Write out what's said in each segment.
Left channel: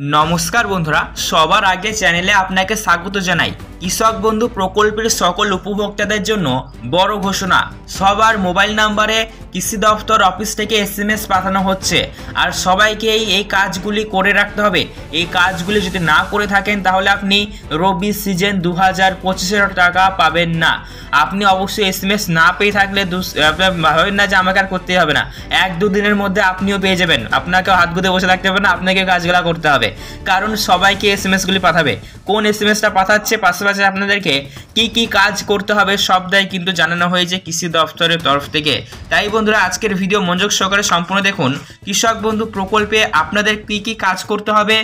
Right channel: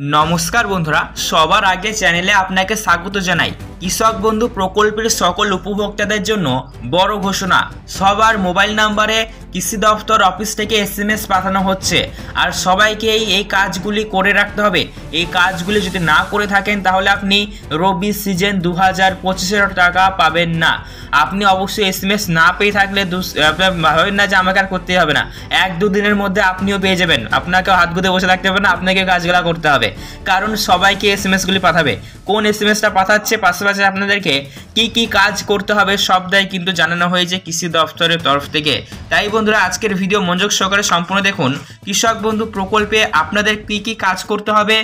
নমস্কার বন্ধুরা, সবার আগে চ্যানেলে আপনাকে স্বাগত জানাই। কৃষক বন্ধু প্রকল্পের সকল উপভোক্তাদের জন্য বড় ঘোষণা, সবার মোবাইল নাম্বারে কৃষি দপ্তর অফিস থেকে SMS পাঠানো হচ্ছে। আর সবাইকেই এই কাজগুলি করে রাখতে হবে। এই কাজগুলি যদি না করে থাকেন তাহলে আপনি রবি সিজন 2025-এর টাকা পাবেন না। আপনি অবশ্যই SMS না পেয়ে থাকলে ভাবেন না যে আমাকে আর করতে হবে না, 1-2 দিনের মধ্যে আপনিও পেয়ে যাবেন। আপনাকেও হাত গুঁজে বসে থাকতে হবে না, আপনাকে কাজগুলো করতে হবে, কারণ সবাইকে SMSগুলি পাঠাবে। কোন SMSটা পাঠাচ্ছে, পাশাপাশি আপনাদেরকে কি কি কাজ করতে হবে সবটাই কিন্তু জানানো হয়েছে কৃষি দপ্তরের তরফ থেকে। তাই বন্ধুরা, আজকের ভিডিও মনোযোগ সহকারে সম্পূর্ণ দেখুন। কৃষক বন্ধু প্রকল্পে আপনাদের কি কি কাজ করতে হবে,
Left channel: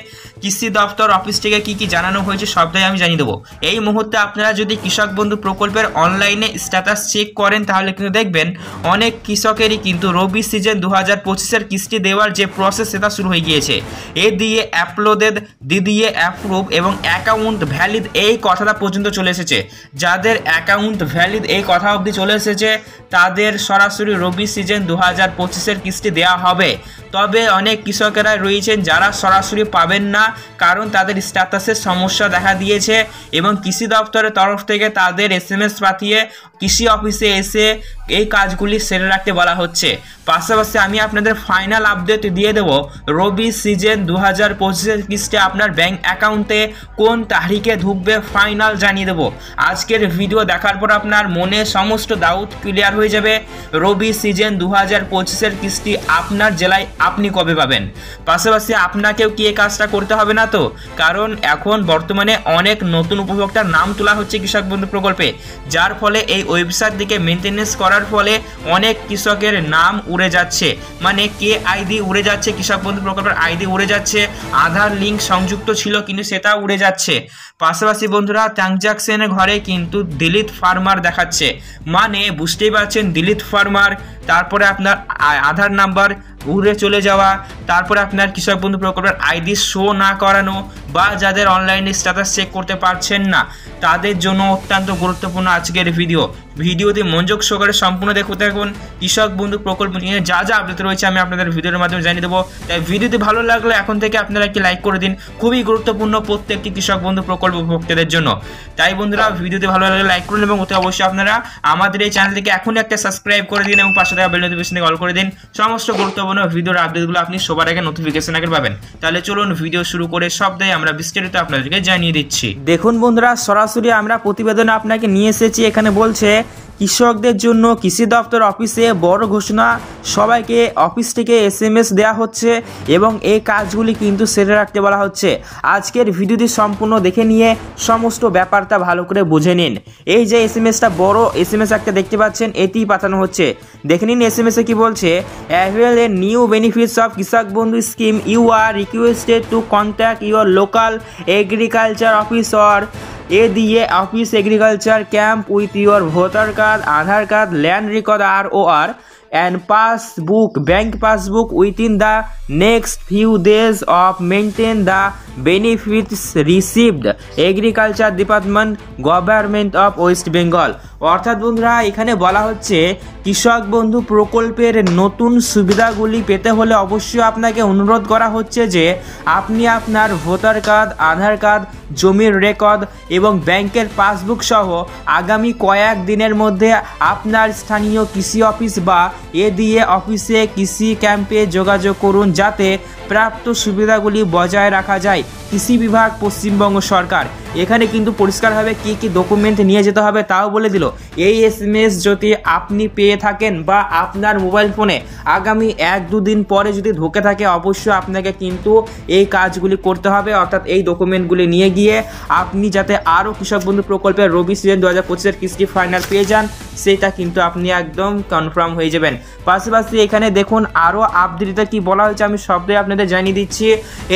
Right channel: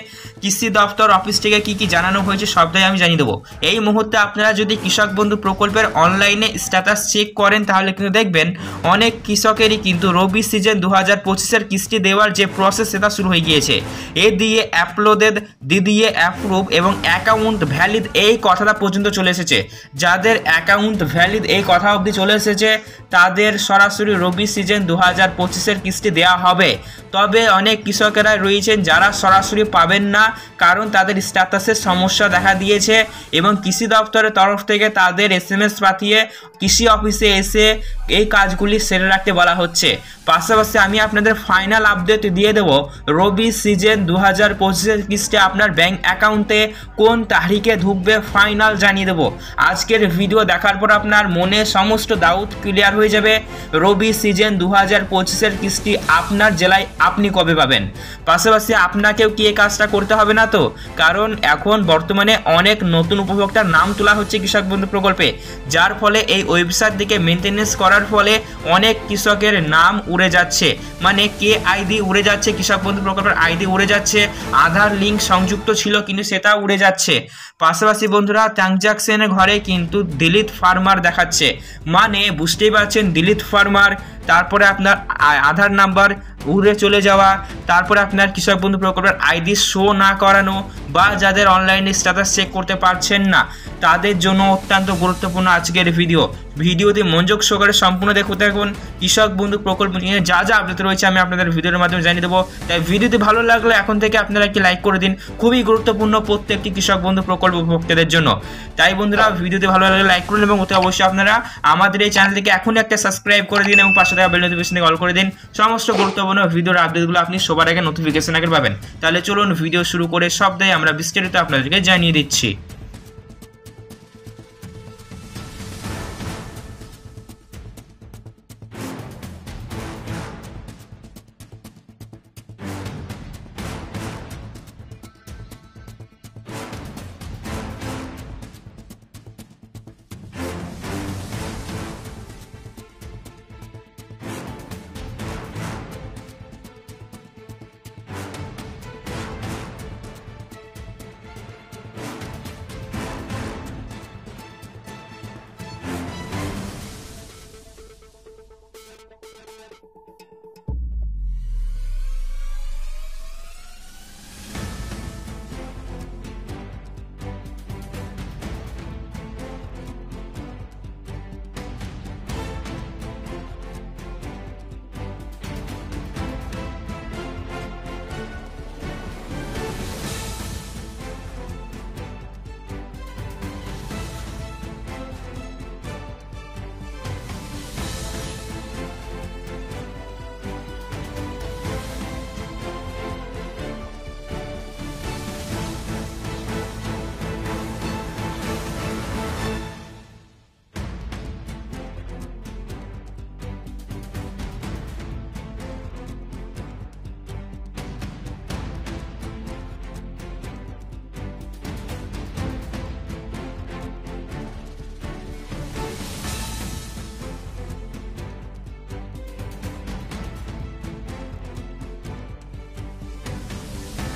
কৃষি দপ্তর অফিস থেকে কি কি জানানো হয়েছে সবটাই আমি জানিয়ে দেবো। এই মুহূর্তে আপনারা যদি কৃষক বন্ধু প্রকল্পের অনলাইনে স্ট্যাটাস চেক করেন তাহলে কিন্তু দেখবেন অনেক কৃষকেরই কিন্তু রবি সিজন 2025-এর কিস্তি দেওয়ার যে প্রসেস সেটা শুরু হয়ে গিয়েছে। এ দিয়ে অ্যাপলোডেড, দিয়ে অ্যাপ্রুভ এবং অ্যাকাউন্ট ভ্যালিড এই কথাটা পর্যন্ত চলে এসেছে। যাদের অ্যাকাউন্ট ভ্যালিড এই কথা অবধি চলে এসেছে তাদের সরাসরি রবি সিজন 2025-এর কিস্তি দেওয়া হবে। তবে অনেক কৃষকেরা রয়েছেন যারা সরাসরি পাবেন না, কারণ তাদের স্ট্যাটাসের সমস্যা দেখা দিয়েছে এবং কৃষি দপ্তরের তরফ থেকে তাদের SMS পাঠিয়ে কৃষি অফিসে এসে এই কাজগুলি সেরে রাখতে বলা হচ্ছে। পাশাপাশি আমি আপনাদের ফাইনাল আপডেট দিয়ে দেবো রবি সিজন 2025-এর কিস্তি আপনার ব্যাংক অ্যাকাউন্টে কোন তারিখে ঢুকবে, ফাইনাল জানিয়ে দেবো। আজকের ভিডিও দেখার পর আপনার মনে সমস্ত ডাউট ক্লিয়ার হয়ে যাবে। রবি সিজন 2025-এর কিস্তি আপনার জেলায় আপনি কবে পাবেন। পাশাপাশি আপনাকেও কি এই কাজটা করতে হবে না তো, কারণ এখন বর্তমানে অনেক নতুন উপভোক্তার নাম তোলা হচ্ছে কৃষক বন্ধু প্রকল্পে, যার ফলে এই ওয়েবসাইট দিকে মেনটেনেন্স করার ফলে অনেক কৃষকের নাম উড়ে যাচ্ছে, মানে KID উড়ে যাচ্ছে, কৃষক বন্ধু প্রকল্পের ID উড়ে যাচ্ছে, আধার লিঙ্ক সংযুক্ত ছিল কিন্তু সেটা উড়ে যাচ্ছে। পাশাপাশি বন্ধুরা, ট্রানজাকশনের ঘরে কিন্তু ডিলিট ফার্মার দেখাচ্ছে, মানে বুঝতেই পারছেন ডিলিট ফার্মার, তারপরে আপনার আধার নাম্বার উড়ে চলে যাওয়া, তারপরে আপনার কৃষক বন্ধু প্রকল্পের ID শো না করানো, বা যাদের অনলাইনে স্ট্যাটাস চেক করতে পারছেন না তাদের জন্য অত্যন্ত গুরুত্বপূর্ণ আজকের ভিডিওতে মনোযোগ সহকারে সম্পূর্ণ দেখতে থাকুন। কৃষক বন্ধু প্রকল্প নিয়ে যা যা আপডেট রয়েছে আমি আপনাদের ভিডিওর মাধ্যমে জানিয়ে দেবো। তাই ভিডিওটি ভালো লাগলে এখন থেকে আপনারা একটি লাইক করে দিন, খুবই গুরুত্বপূর্ণ প্রত্যেকটি কৃষক বন্ধু প্রকল্প উপভোক্তাদের জন্য। তাই বন্ধুরা, ভিডিওটি ভালো লাগলে লাইক করুন এবং অবশ্যই আপনারা আমাদের এই চ্যানেলটিকে এখনই একটা সাবস্ক্রাইব করে দিন এবং পাশে থাকা বেল নোটিফিকেশনে অল করে দিন। সমস্ত গুরুত্বপূর্ণ ভিডিওর আপডেটগুলো আপনি সবার আগে নোটিফিকেশন আগে পাবেন। তাহলে চলুন ভিডিও শুরু করে সবটাই আমরা বিস্তারিত আপনাদেরকে জানিয়ে দিচ্ছি। দেখুন বন্ধুরা, সরাসরি আমরা প্রতিবেদন আপনাকে নিয়ে এসেছি। এখানে বলছে কৃষকদের জন্য কৃষি দপ্তর অফিসে বড় ঘোষণা, সবাইকে অফিস থেকে SMS দেওয়া হচ্ছে এবং এই কাজগুলি কিন্তু সেরে রাখতে বলা হচ্ছে। আজকের ভিডিওটি সম্পূর্ণ দেখে নিয়ে সমস্ত ব্যাপারটা ভালো করে বুঝে নিন। এই যে SMSটা বড় SMS একটা দেখতে পাচ্ছেন, এটি পাঠানো হচ্ছে। দেখে নিন SMS-এ কি বলছে। Avail a new benefits of Krishak Bandhu scheme, you are requested to contact your local agriculture officer এ দিয়ে office agriculture camp with your voter card, Aadhaar card, land record ROR and passbook, bank passbook within the next few days of maintain the benefits received, Agriculture Department, Government of West Bengal। অর্থাৎ বন্ধুরা, এখানে বলা হচ্ছে কৃষক বন্ধু প্রকল্পের নতুন সুবিধাগুলি পেতে হলে অবশ্যই আপনাকে অনুরোধ করা হচ্ছে যে আপনি আপনার ভোটার কার্ড, আধার কার্ড, জমির রেকর্ড এবং ব্যাংকের পাসবুক সহ আগামী কয়েক দিনের মধ্যে আপনার স্থানীয় কৃষি অফিস বা দিয়ে অফিসে কৃষি ক্যাম্পে যোগাযোগ করুন, যাতে প্রাপ্ত সুবিধাগুলি বজায় রাখা যায়। কৃষি বিভাগ, পশ্চিমবঙ্গ সরকার। এখানে কিন্তু পরিষ্কারভাবে কী কী ডকুমেন্ট নিয়ে যেতে হবে তাও বলে দিল। এই SMS যদি আপনি পেয়ে থাকেন বা আপনার মোবাইল ফোনে আগামী 1-2 দিন পরে যদি ঢুকে থাকে, অবশ্যই আপনাকে কিন্তু এই কাজগুলি করতে হবে। অর্থাৎ এই ডকুমেন্টগুলি নিয়ে গিয়ে আপনি যাতে আরও কৃষক বন্ধু প্রকল্পের রবি সিজন 2025-এর কিস্তি ফাইনাল পেয়ে যান, সেটা কিন্তু আপনি একদম কনফার্ম হয়ে যাবেন। পাশাপাশি এখানে দেখুন আরও আপডেটটা কি বলা হয়েছে, আমি সবটাই আপনাদের জানিয়ে দিচ্ছি।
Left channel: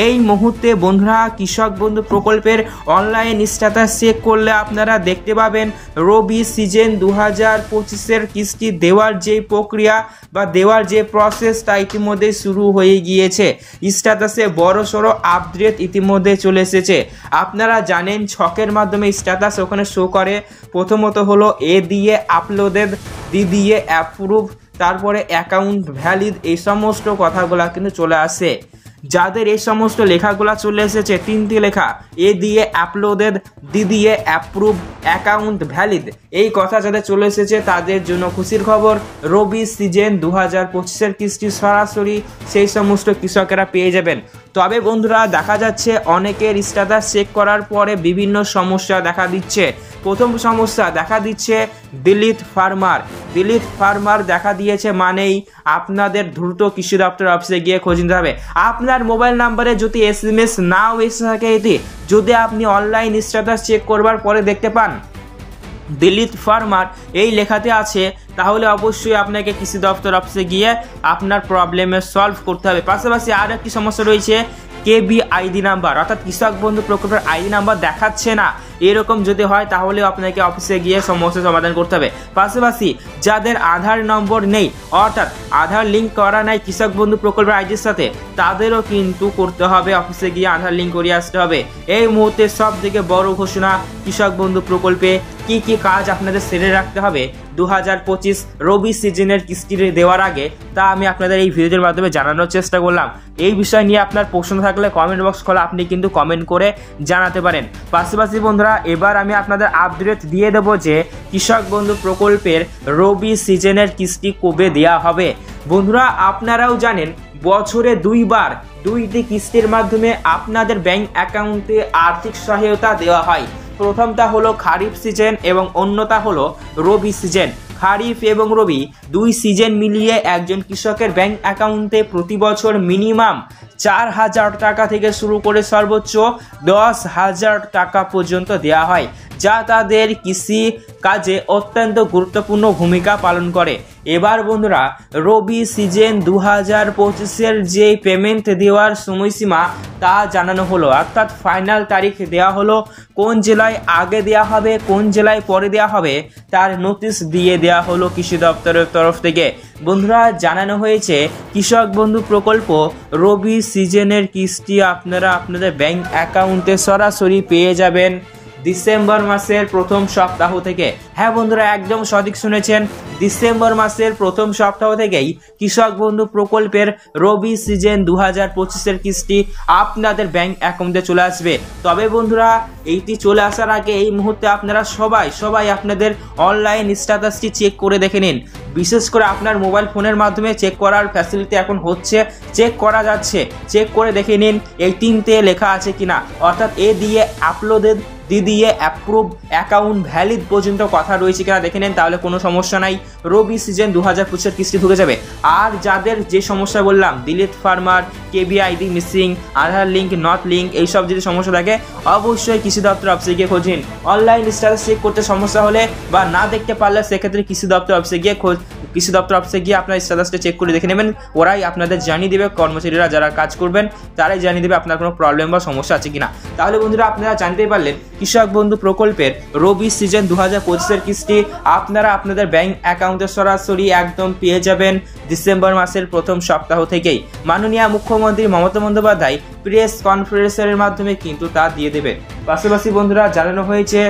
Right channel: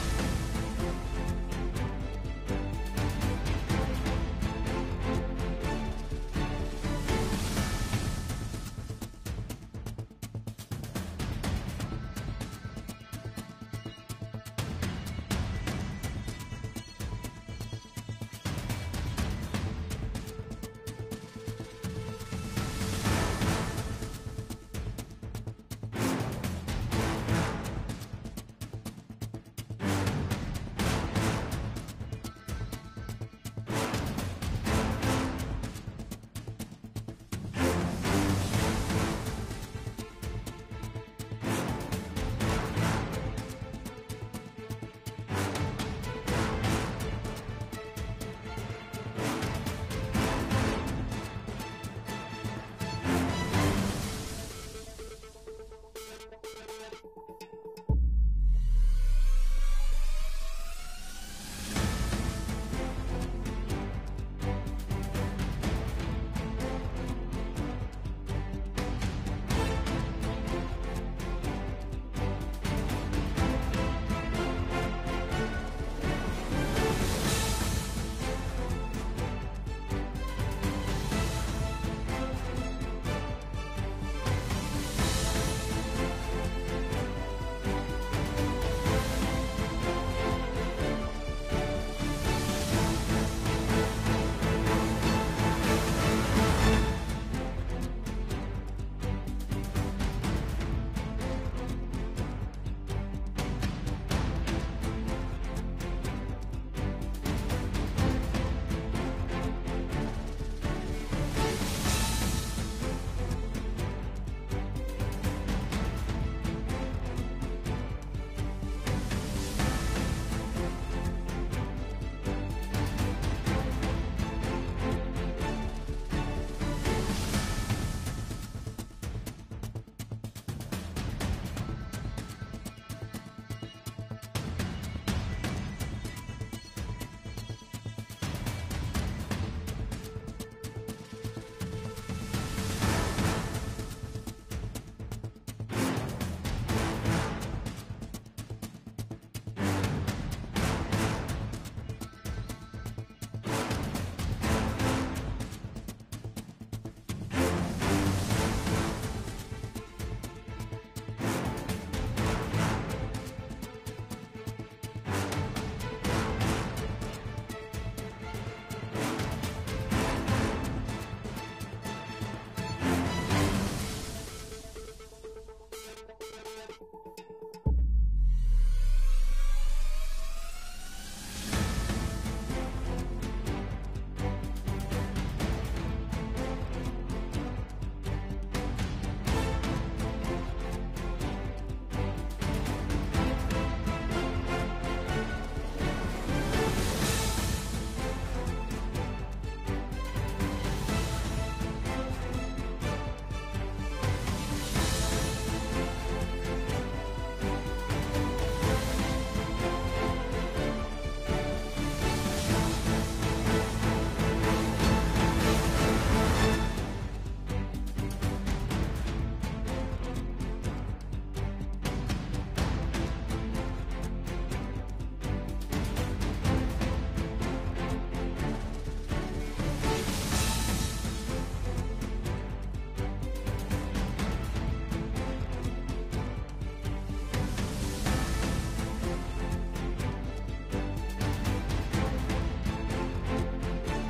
এই মুহূর্তে বন্ধুরা, কৃষক বন্ধু প্রকল্পের অনলাইন স্ট্যাটাস চেক করলে আপনারা দেখতে পাবেন রবি সিজন 2025-এর কিস্তি দেওয়ার যে প্রক্রিয়া বা দেওয়ার যে প্রসেস তা ইতিমধ্যে শুরু হয়ে গিয়েছে। স্ট্যাটাসে বড়সড় আপডেট ইতিমধ্যে চলে এসেছে। আপনারা জানেন ছকের মাধ্যমে স্ট্যাটাস ওখানে শো করে। প্রথমত হলো এ দিয়ে আপলোডেড, দিয়ে অ্যাপ্রুভ, তারপরে অ্যাকাউন্ট ভ্যালিড, এই সমস্ত কথাগুলো কিন্তু চলে আসে। যাদের এই সমস্ত লেখাগুলো চলে এসেছে, তিনটি লেখা এ দিয়ে আপলোডেড, ডি দিয়ে অ্যাপ্রুভ, অ্যাকাউন্ট ভ্যালিড, এই কথা যাদের চলে এসেছে তাদের জন্য খুশির খবর। রবি সিজন 2025-এর কিস্তি সরাসরি সেই সমস্ত কৃষকেরা পেয়ে যাবেন। তবে বন্ধুরা দেখা যাচ্ছে অনেকের স্ট্যাটাস চেক করার পরে বিভিন্ন সমস্যা দেখা দিচ্ছে। প্রথম সমস্যা দেখা দিচ্ছে দিলীপ ফার্মার দেখা দিয়েছে মানেই আপনাদের দ্রুত কৃষি দপ্তর অফিসে গিয়ে খোঁজ নিতে হবে। আপনার মোবাইল নাম্বারে যদি SMS নাও এসে থাকে, এটি যদি আপনি অনলাইন স্ট্যাটাস চেক করবার পরে দেখতে পান দিলীপ ফার্মার এই লেখাতে আছে, তাহলে অবশ্যই আপনাকে কৃষি দপ্তর অফিসে গিয়ে আপনার প্রবলেমের সলভ করতে হবে। পাশাপাশি আর একটি সমস্যা রয়েছে KBID নাম্বার, অর্থাৎ কৃষক বন্ধু প্রকল্পের আইডি নাম্বার দেখাচ্ছে না। এরকম যদি হয় তাহলে আপনাকে অফিসে গিয়ে সমস্যার সমাধান করতে হবে। পাশাপাশি যাদের আধার নম্বর নেই, অর্থাৎ আধার লিঙ্ক করা নাই কৃষক বন্ধু প্রকল্পের আইডির সাথে, তাদেরও কিন্তু করতে হবে, অফিসে গিয়ে আধার লিঙ্ক করিয়ে আসতে হবে। এই মুহূর্তে সব থেকে বড় ঘোষণা, কৃষক বন্ধু প্রকল্পে কি কি কাজ আপনাদের সেরে রাখতে হবে 2025 রবি সিজনের কিস্তি দেওয়ার আগে, তা আমি আপনাদের এই ভিডিওর মাধ্যমে জানানোর চেষ্টা করলাম। এই বিষয় নিয়ে আপনার প্রশ্ন থাকলে কমেন্ট বক্স খোলা, আপনি কিন্তু কমেন্ট করে জানাতে পারেন। পাশাপাশি বন্ধুরা এবার আমি আপনাদের আপডেট দিয়ে দেবো যে কৃষক বন্ধু প্রকল্পের রবি সিজনের কিস্তি কবে দেওয়া হবে। বন্ধুরা আপনারাও জানেন বছরে দুইবার দুইটি কিস্তির মাধ্যমে আপনাদের ব্যাংক অ্যাকাউন্টে আর্থিক সহায়তা দেওয়া হয়। প্রথমটা হলো খারিফ সিজন এবং অন্যটা হলো রবি সিজন। খারিফ এবং রবি দুই সিজন মিলিয়ে একজন কৃষকের ব্যাংক অ্যাকাউন্টে প্রতি বছর মিনিমাম 4,000 টাকা থেকে শুরু করে সর্বোচ্চ 10,000 টাকা পর্যন্ত দেওয়া হয়, যা তাদের কৃষি কাজে অত্যন্ত গুরুত্বপূর্ণ ভূমিকা পালন করে। এবার বন্ধুরা রবি সিজন 2025-এর যে পেমেন্ট দেওয়ার সময়সীমা তা জানানো হলো, অর্থাৎ ফাইনাল তারিখ দেওয়া হলো। কোন জেলায় আগে দেওয়া হবে, কোন জেলায় পরে দেওয়া হবে, তার নোটিশ দিয়ে দেওয়া হলো কৃষি দপ্তরের তরফ থেকে। বন্ধুরা জানানো হয়েছে কৃষক বন্ধু প্রকল্প রবি সিজনের কিস্তি আপনারা আপনাদের ব্যাংক অ্যাকাউন্টে সরাসরি পেয়ে যাবেন ডিসেম্বর মাসের প্রথম সপ্তাহ থেকে। হ্যাঁ বন্ধুরা একদম সঠিক শুনেছেন, ডিসেম্বর মাসের প্রথম সপ্তাহ থেকেই কৃষক বন্ধু প্রকল্পের রবি সিজন 2025-এর কিস্তি আপনাদের ব্যাংক অ্যাকাউন্টে চলে আসবে। তবে বন্ধুরা এইটি চলে আসার আগে এই মুহূর্তে আপনারা সবাই আপনাদের অনলাইন স্ট্যাটাসটি চেক করে দেখে নিন। বিশেষ করে আপনার মোবাইল ফোনের মাধ্যমে চেক করার ফ্যাসিলিটি এখন হচ্ছে, চেক করা যাচ্ছে, চেক করে দেখে নিন এই তিনটে লেখা আছে কিনা, অর্থাৎ এ দিয়ে আপলোডেড, ডি দিয়ে অ্যাপ্রুভ, অ্যাকাউন্ট ভ্যালিড পর্যন্ত কথা রয়েছে কিনা দেখে নেন, তাহলে কোনো সমস্যা নাই, রবি সিজন 2025-এর কিস্তি ঢুকে যাবে। আর যাদের যে সমস্যা বললাম Dilip farmer, KBID missing, Aadhaar link not link, এইসব যদি সমস্যা থাকে অবশ্যই কৃষি দপ্তর অফিসে গিয়ে খোঁজ নিন। অনলাইন স্ট্যাটাস চেক করতে সমস্যা হলে বা না দেখতে পারলে সেক্ষেত্রে কৃষি দপ্তর অফিসে গিয়ে আপনার স্ট্যাটাসটা চেক করে দেখে নেবেন। ওরাই আপনাদের জানিয়ে দেবে, কর্মচারীরা যারা কাজ করবেন তারাই জানিয়ে দেবে আপনার কোনো প্রবলেম বা সমস্যা আছে কিনা। তাহলে বন্ধুরা আপনারা জানতেই পারলেন কৃষক বন্ধু প্রকল্পের রবি সিজন 2025-এর কিস্তি আপনারা আপনাদের ব্যাংক অ্যাকাউন্টে সরাসরি একদম পেয়ে যাবেন ডিসেম্বর মাসের প্রথম সপ্তাহ থেকেই। মাননীয় মুখ্যমন্ত্রী মমতা বন্দ্যোপাধ্যায় প্রেস কনফারেন্সের মাধ্যমে কিন্তু তা দিয়ে দেবে। পাশাপাশি বন্ধুরা জানানো হয়েছে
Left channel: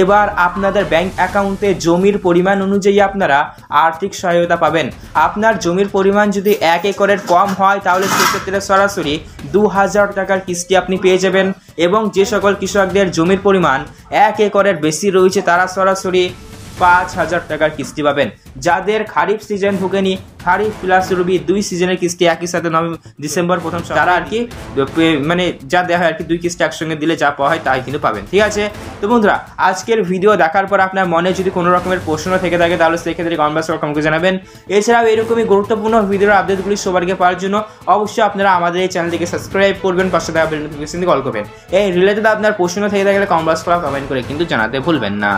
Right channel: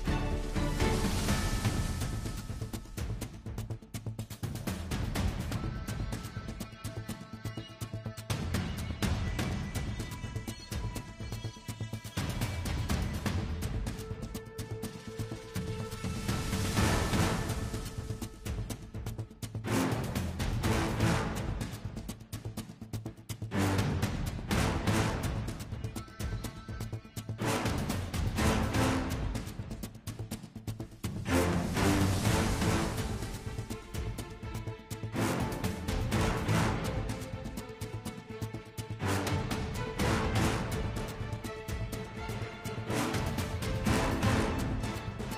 এবার আপনাদের ব্যাংক অ্যাকাউন্টে জমির পরিমাণ অনুযায়ী আপনারা আর্থিক সহায়তা পাবেন। আপনার জমির পরিমাণ যদি 1 একরের কম হয় তাহলে সেক্ষেত্রে সরাসরি 2,000 টাকার কিস্তি আপনি পেয়ে যাবেন, এবং যে সকল কৃষকদের জমির পরিমাণ 1 একরের বেশি রয়েছে তারা সরাসরি 5,000 টাকার কিস্তি পাবেন। যাদের খারিফ সিজন ঢুকেনি, খারিফ প্লাস রবি দুই সিজনের কিস্তি একই সাথে ডিসেম্বর প্রথম তারা আর কি মানে যা দেওয়া হয় আর কি, দুই কিস্তি একসঙ্গে দিলে যা পাওয়া হয় তাই কিন্তু পাবেন। ঠিক আছে, তো বন্ধুরা আজকের ভিডিও দেখার পর আপনার মনে যদি কোনো রকমের প্রশ্ন থেকে থাকে তাহলে সেক্ষেত্রে কমেন্ট বক্সে জানাবেন। এছাড়াও এরকমই গুরুত্বপূর্ণ ভিডিওর আপডেটগুলি সবার আগে পাওয়ার জন্য অবশ্যই আপনারা আমাদের এই চ্যানেলটিকে সাবস্ক্রাইব করবেন, পাশে থাকা বেল নোটিফিকেশন কল করবেন। এই রিলেটেড আপনার প্রশ্ন থেকে থাকলে কমেন্ট বক্সে কমেন্ট করে কিন্তু জানাতে ভুলবেন না।